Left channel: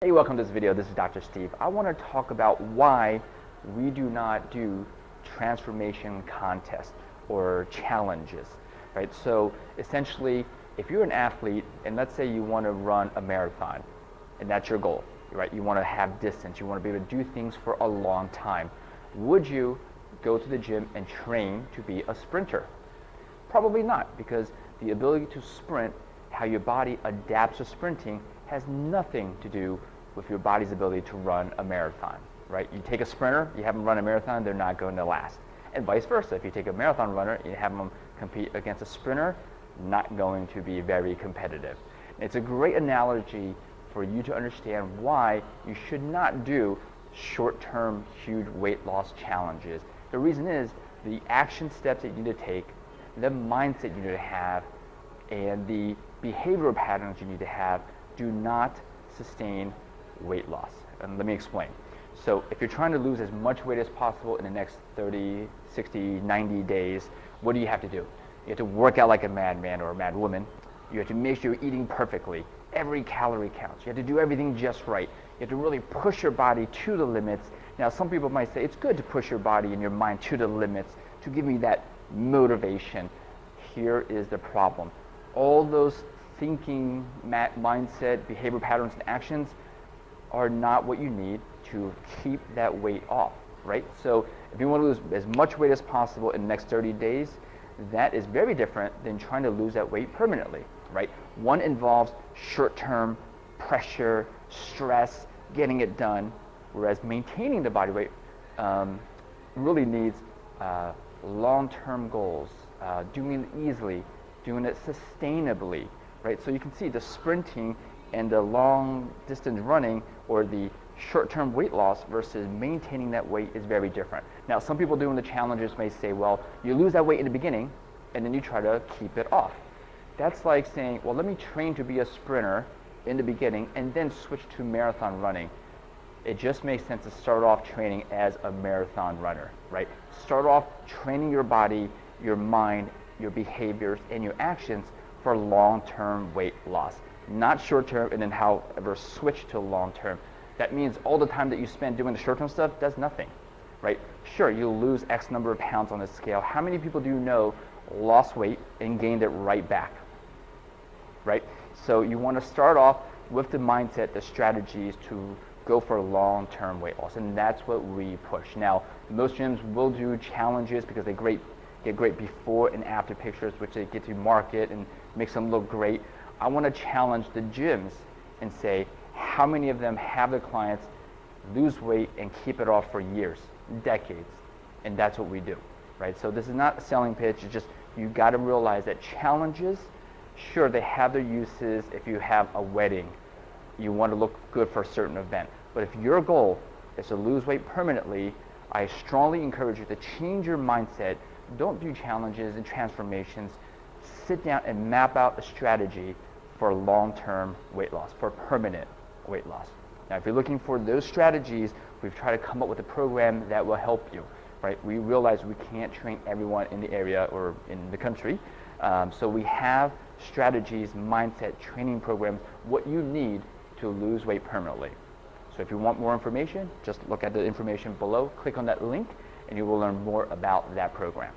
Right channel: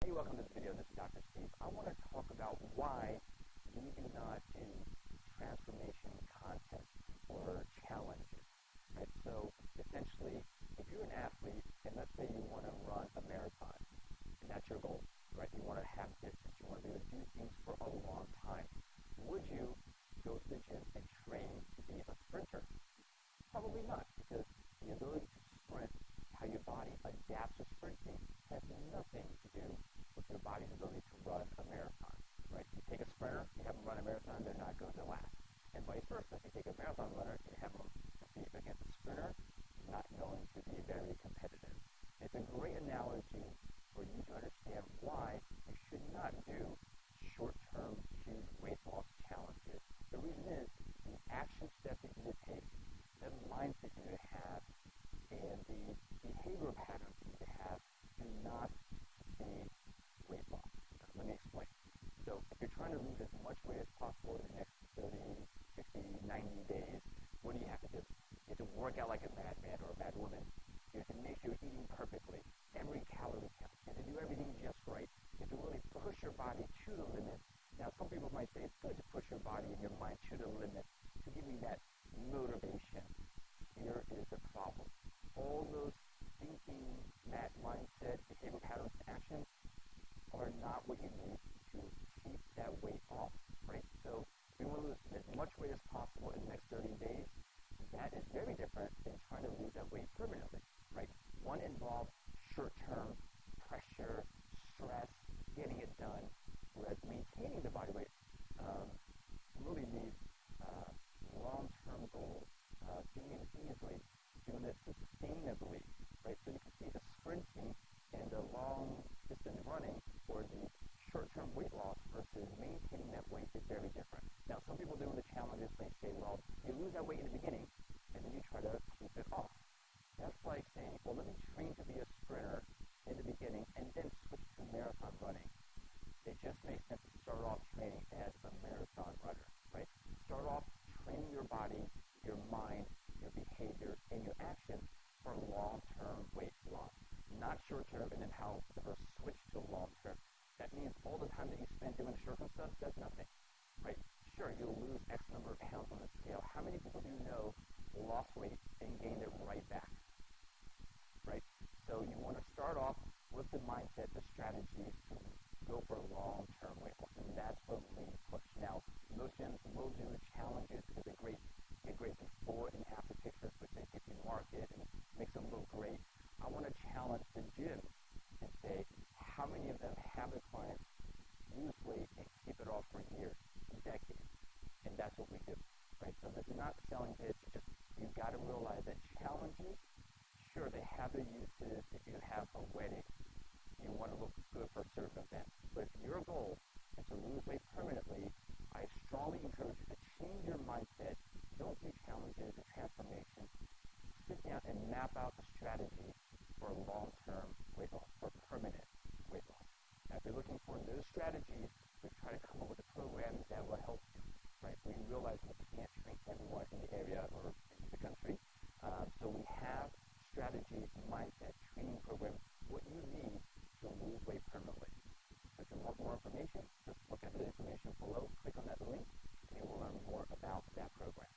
Hey, welcome to this video. This is Dr. Steve. I want to talk about why we do not do transformation contests or challenges, right? So essentially, if you're an athlete and let's say you want to run a marathon and that's your goal, right? You want to have distance, you want to be able to do things for a long time. Would you go to the gym and train to be a sprinter? Probably not, because the ability to sprint, how your body adapts to sprinting, has nothing to do with your body's ability to run a marathon, right? You take a sprinter, you have them run a marathon, they're not going to last. And vice versa, if you take a marathon runner, you have them compete against a sprinter, not going to be very competitive. And it's a great analogy for you to understand why you should not do short-term, huge weight loss challenges. The reason is the action steps that you need to take, the mindset you need to have, and the behavioral patterns you need to have do not sustain weight loss. And let me explain. So if you're trying to lose as much weight as possible in the next 30, 60, 90 days, what do you have to do? You have to work out like a madman or a mad woman. You have to make sure you're eating perfectly. Every calorie counts. You have to do everything just right. You have to really push your body to the limits. Now, some people might say it's good to push your body and your mind to the limits to give me that motivation. Here is the problem. All those thinking, mindset, behavior patterns, and actions are not what you need to keep that weight off, right? So if you want to lose as much weight as possible in the next 30 days, that is very different than trying to lose that weight permanently, right? One involves short-term pressure, stress, getting it done, whereas maintaining the body weight really needs long-term goals, doing it easily, doing it sustainably, right? So you can see the sprinting and the long distance running or the short-term weight loss versus maintaining that weight is very different. Now, some people doing the challenges may say, well, you lose that weight in the beginning and then you try to keep it off. That's like saying, well, let me train to be a sprinter in the beginning and then switch to marathon running. It just makes sense to start off training as a marathon runner, right? Start off training your body, your mind, your behaviors, and your actions for long-term weight loss. Not short-term and then however switch to long-term. That means all the time that you spend doing the short-term stuff does nothing, right? Sure, you'll lose X number of pounds on the scale. How many people do you know lost weight and gained it right back, right? So you want to start off with the mindset, the strategies to go for long-term weight loss, and that's what we push. Now, most gyms will do challenges because they get great before and after pictures, which they get to market and makes them look great. I want to challenge the gyms and say, how many of them have their clients lose weight and keep it off for years, decades? And that's what we do, right? So this is not a selling pitch. It's just you got to realize that challenges, sure, they have their uses. If you have a wedding, you want to look good for a certain event. But if your goal is to lose weight permanently, I strongly encourage you to change your mindset. Don't do challenges and transformations. Sit down and map out a strategy for long-term weight loss, for permanent weight loss. Now, if you're looking for those strategies, we've tried to come up with a program that will help you, right? We realize we can't train everyone in the area or in the country, so we have strategies, mindset, training programs, what you need to lose weight permanently. So if you want more information, just look at the information below, click on that link, and you will learn more about that program.